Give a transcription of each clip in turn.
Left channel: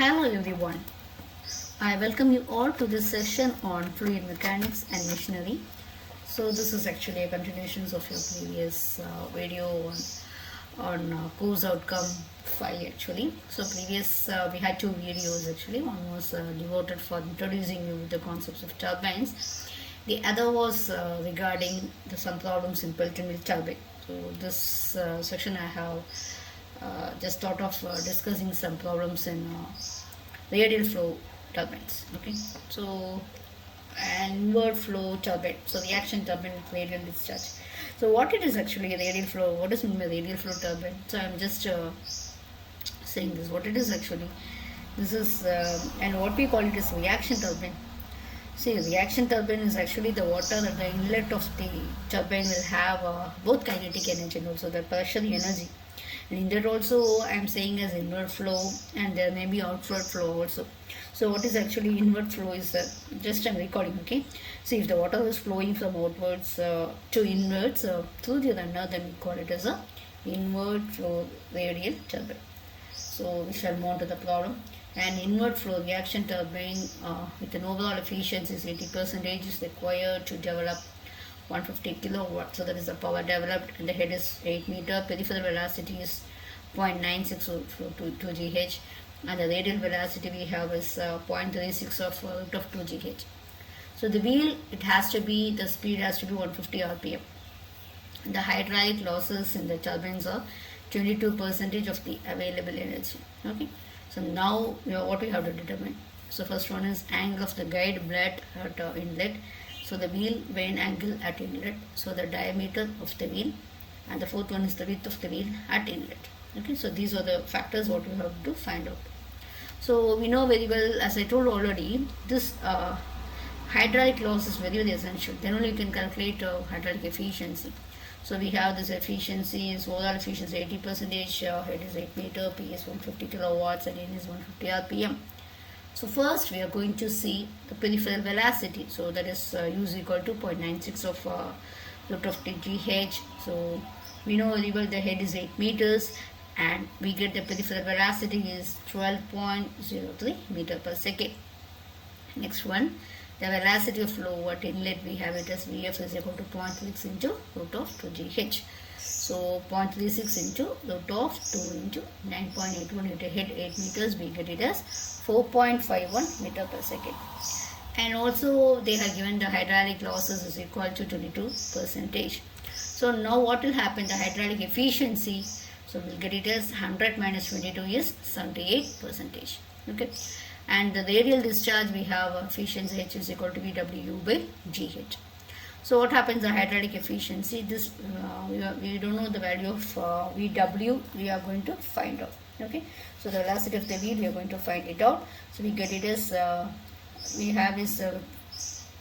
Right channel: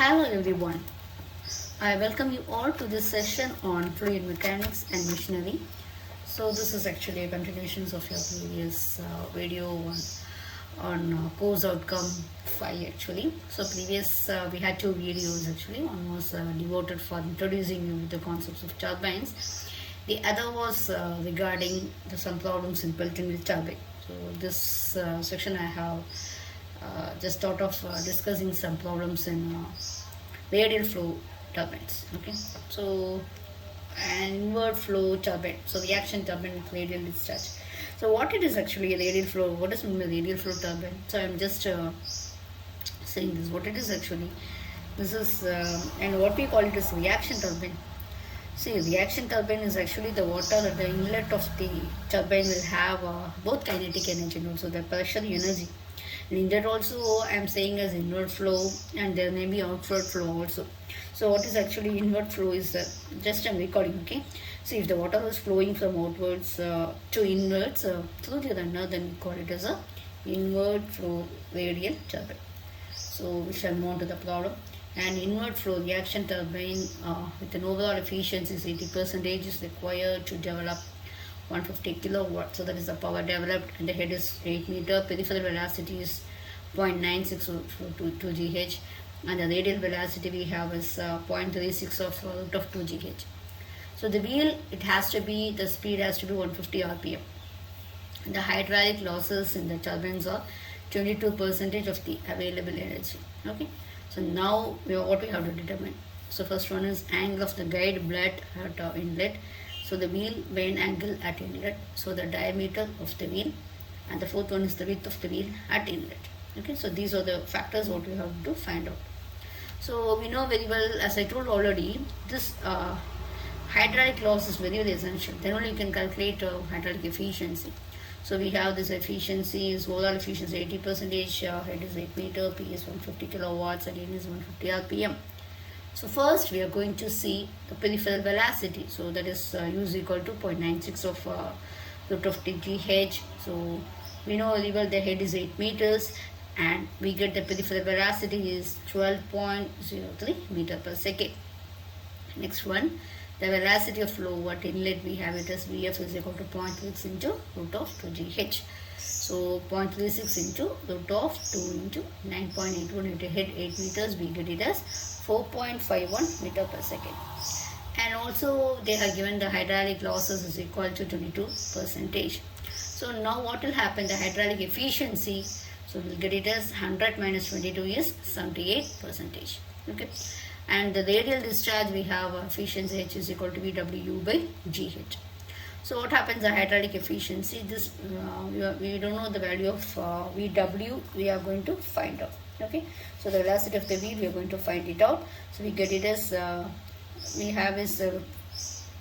Hello everyone. I welcome you all to this session on fluid mechanics and machinery. So this is actually a continuation of your previous video on course outcome 5 actually. So previous we had two videos actually. One was devoted for introducing you the concepts of turbines. The other was regarding some problems in Pelton turbine. So this section I have just thought of discussing some problems in radial flow turbines. Okay, so an inward flow turbine, so reaction turbine with radial discharge. So what it is actually a radial flow? What does mean by radial flow turbine? So I'm just saying this. What it is actually? This is and what we call it is reaction turbine. See, reaction turbine is actually the water that the inlet of the turbine will have both kinetic energy and also the pressure energy. In that also I am saying as inward flow, and there may be outward flow also. So what is actually inward flow is that just I'm recording, okay. So if the water is flowing from outwards to inwards through the runner, then we call it as a inward flow radial turbine. So we shall move on to the problem. An inward flow reaction turbine with an overall efficiency is 80% is required to develop 150 kilowatt. So that is the power developed, and the head is 8 meter. Peripheral velocity is 0.96 to 2 GH, and the radial velocity we have is 0.36 of root of 2 GH. So the wheel, it has to be, the speed has to be 150 RPM. The hydraulic losses in the turbines are 22% of the available energy. Okay. So now what we have to determine. So first one is angle of the guide blade at inlet. So the wheel vane angle at inlet. So the diameter of the wheel, and the fourth one is the width of the wheel at inlet. Okay, so these are the factors what you have to find out. So we know very well, as I told already, this hydraulic loss is very, very essential. Then only you can calculate hydraulic efficiency. So we have this efficiency is overall efficiency 80%, head is 8 meter, P is 150 kilowatts, again is 150 RPM. So first we are going to see the peripheral velocity. So that is U is equal to 0.96 of root of 2 GH. So we know very well the head is 8 meters, and we get the peripheral velocity is 12.03 meter per second. Next one, the velocity of flow at inlet, we have it as Vf is equal to 0.36 into root of 2 GH. So 0.36 into root of 2 into 9.81 into head 8 meters, we get it as 4.51 meter per second. And also they have given the hydraulic losses is equal to 22%. So now what will happen, the hydraulic efficiency, so we'll get it as 100 minus 22 is 78%. Okay. And the radial discharge, we have efficiency H is equal to VWU by GH. So what happens, the hydraulic efficiency, this we don't know the value of VW, we are going to find out. Okay. So the velocity of the wheel, we are going to find it out. So we get it as, we have is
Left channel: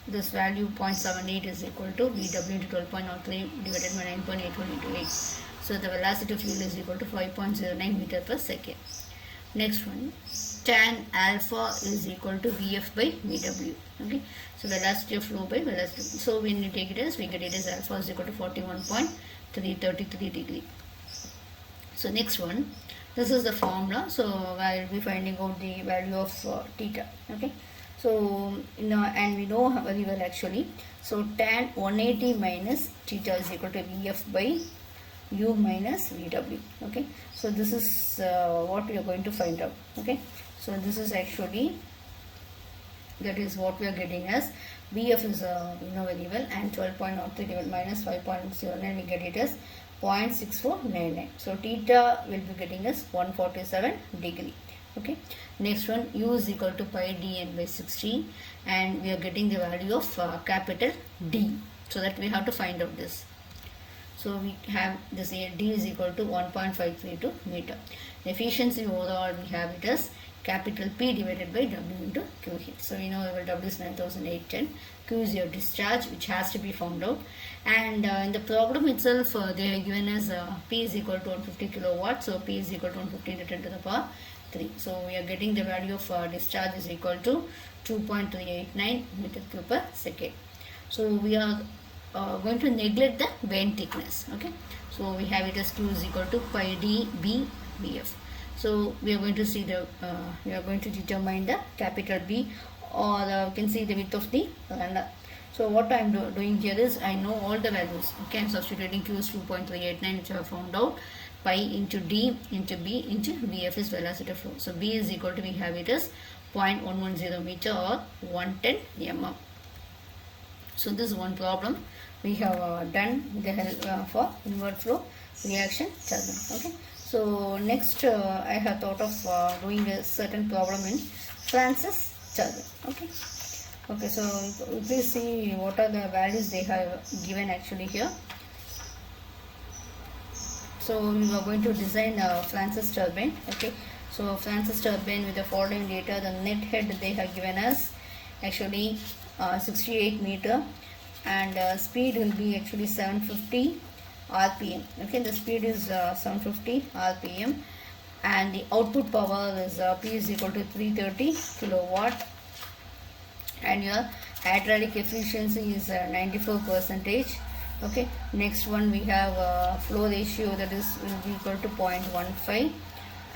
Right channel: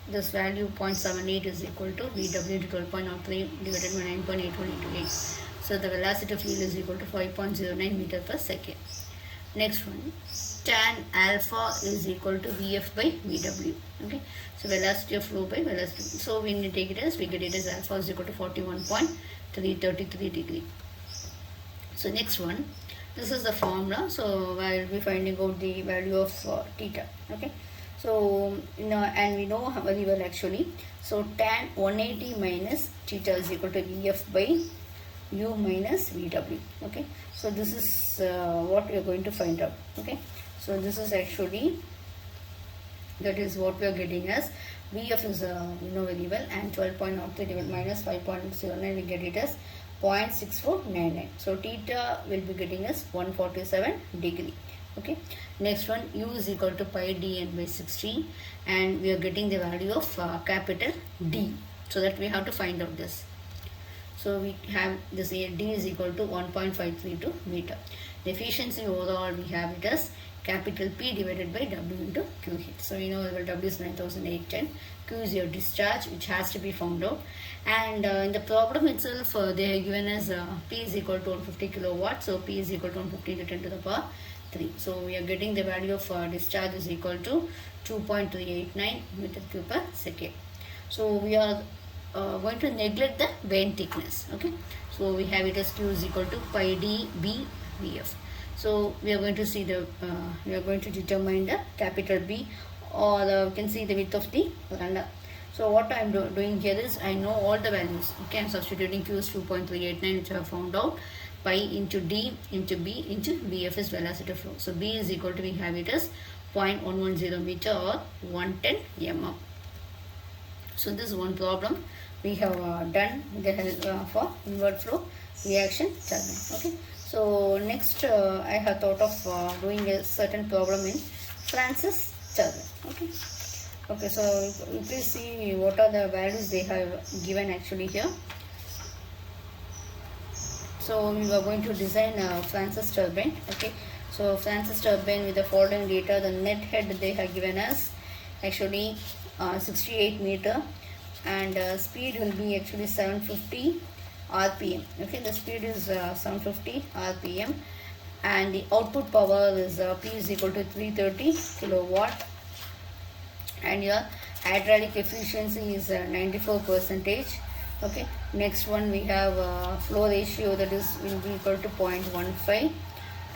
this value 0.78 is equal to VW to 12.03 divided by 9.81 into 8. So the velocity of wheel is equal to 5.09 meter per second. Next one, tan alpha is equal to Vf by Vw. Okay, so velocity of flow by velocity. So when we take it as, we get it as alpha is equal to 41.333 degree. So next one, this is the formula. So I will be finding out the value of theta. Okay, so and we know very well actually. So tan 180 minus theta is equal to Vf by U minus Vw. Okay, so this is what we are going to find out. Okay, so this is actually, that is what we are getting as Vf is you know very well, and 12.03 divided minus 5.09, we get it as 0.6499. So theta will be getting as 147 degree. Okay, next one, U is equal to pi dn by 60, and we are getting the value of capital D. So that we have to find out this. So we have this here, D is equal to 1.532 meter. The efficiency overall, we have it as capital P divided by W into QH. So we know W is 9810. Q is your discharge, which has to be found out. And in the problem itself, they are given as P is equal to 150 kilowatts. So P is equal to 150 into 10 to the power 3. So we are getting the value of discharge is equal to 2.389 meter cube per second. So we are going to neglect the vane thickness. Okay, so we have it as Q is equal to pi d b Vf. So we are going to see the we are going to determine the capital B, or you can see the width of the runner. So what I am doing here is, I know all the values. You can substituting Q is 2.389, which I have found out. Pi into D into B into VF is velocity of flow. So B is equal to, we have it as 0.110 meter or 110 mm. So this is one problem we have done with the help for inward flow reaction turbine. Okay. So next I have thought of doing a certain problem in Francis turbine. Okay. Okay, so please see what are the values they have given actually here. So we are going to design a Francis turbine. Okay, so Francis turbine with the following data. The net head they have given us actually 68 meter, and speed will be actually 750 rpm. Okay, the speed is 750 rpm, and the output power is P is equal to 330 kilowatt, and your hydraulic efficiency is 94%. Okay, next one we have flow ratio, that is will be equal to 0.15,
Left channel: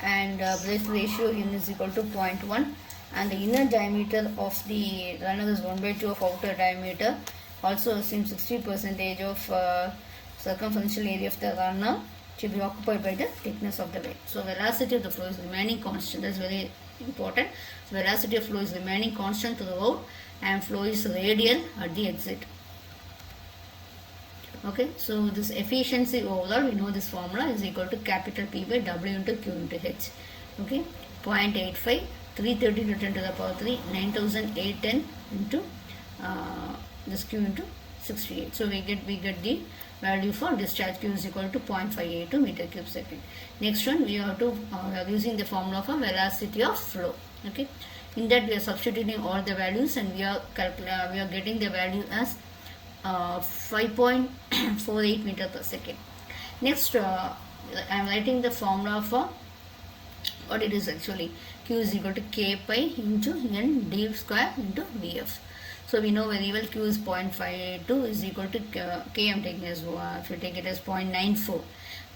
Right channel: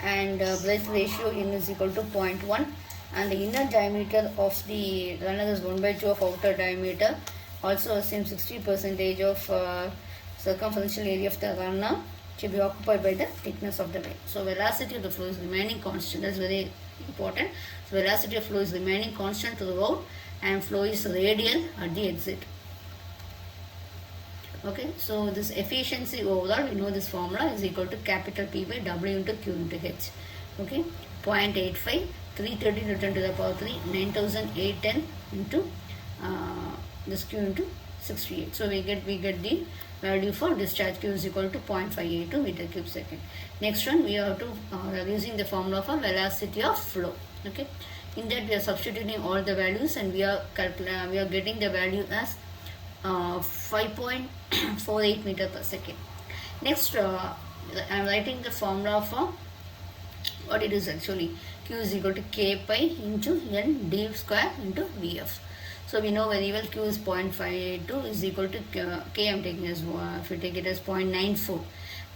and breadth ratio in is equal to 0.1, and the inner diameter of the runner is 1/2 of outer diameter. Also assume 60% of circumferential area of the runner should be occupied by the thickness of the wave. So velocity of the flow is remaining constant. That is very important. So velocity of flow is remaining constant throughout, and flow is radial at the exit. Okay, so this efficiency overall, we know this formula is equal to capital P by W into Q into H. Okay, 0.85, 330 to 10 to the power 3, 9810 into this Q into 68. So we get the value for discharge. Q is equal to 0.582 meter cube second. Next one, we are using the formula for velocity of flow. Okay, in that we are substituting all the values, and we are getting the value as 5.48 meter per second. Next, I am writing the formula for what it is actually. Q is equal to K pi into N D square into VF. So we know very well Q is 0.582 is equal to K. I am taking as if you take it as 0.94.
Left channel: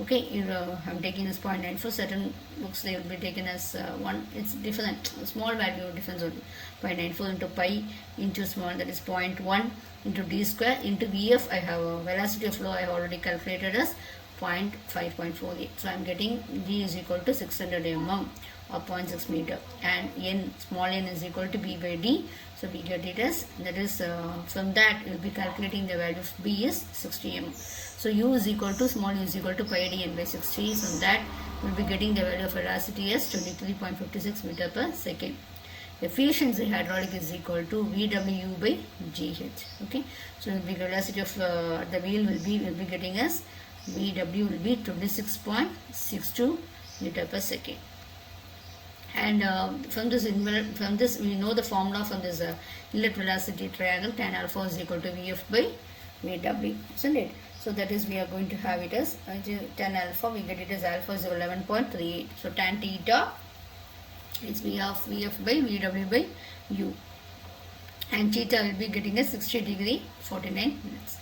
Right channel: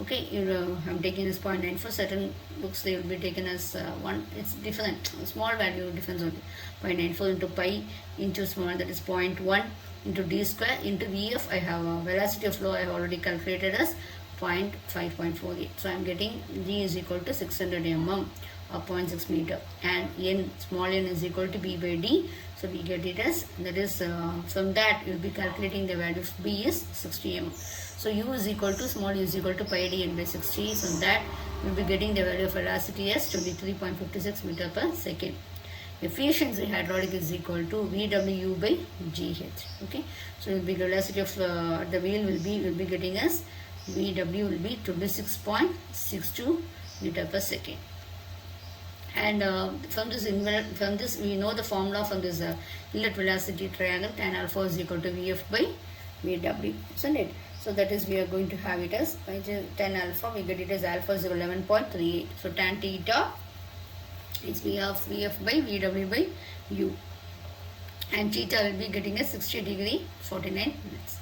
Okay, I am taking as 0.94. Certain books they will be taken as 1. It's different. Small value difference only. 0.94 into pi into small, that is 0.1 into D square into VF. I have velocity of flow I have already calculated as 0.5.48. So I am getting G is equal to 600 mm or 0.6 meter, and N, small n is equal to B by D. So we get it as, that is from that we will be calculating the value of B is 60 mm. So U is equal to, small u is equal to pi d n by 60. So that we will be getting the value of velocity as 23.56 meter per second. Efficiency hydraulic is equal to VW by GH. Okay, so will be velocity of the wheel will be getting as VW will be 26.62 meter per second. And from this we know the formula from this inlet velocity triangle. Tan alpha is equal to VF by VW, isn't it? So that is, we are going to have it as tan alpha, we get it as alpha is 11.38. So tan theta is VF by VW by U, and theta will be getting a 60 degree 49 minutes.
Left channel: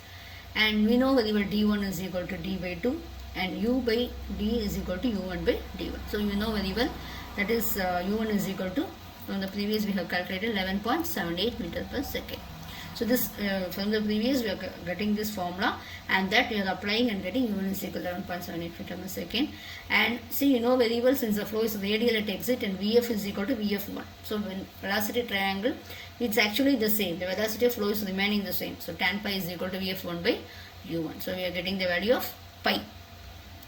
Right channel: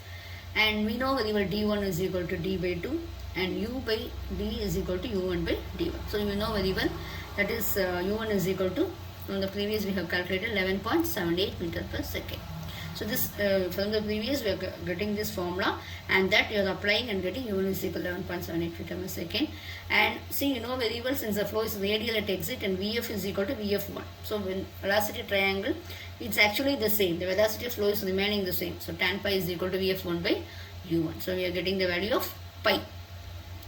And we know very well D1 is equal to D by 2, and U by D is equal to U1 by D1. So you know very well, that is U1 is equal to, from the previous we have calculated 11.78 meter per second. So this from the previous we are getting this formula, and that we are applying and getting U1 is equal to 11.78 meter per second. And see, you know very well, since the flow is radial at exit and VF is equal to VF1. So when velocity triangle, it's actually the same. The velocity of flow is remaining the same. So tan pi is equal to VF1 by U1. So we are getting the value of pi.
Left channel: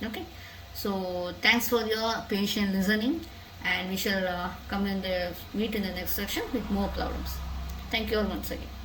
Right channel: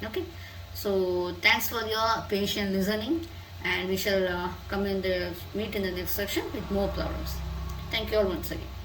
Okay. So thanks for your patient listening, and we shall meet in the next section with more problems. Thank you all once again.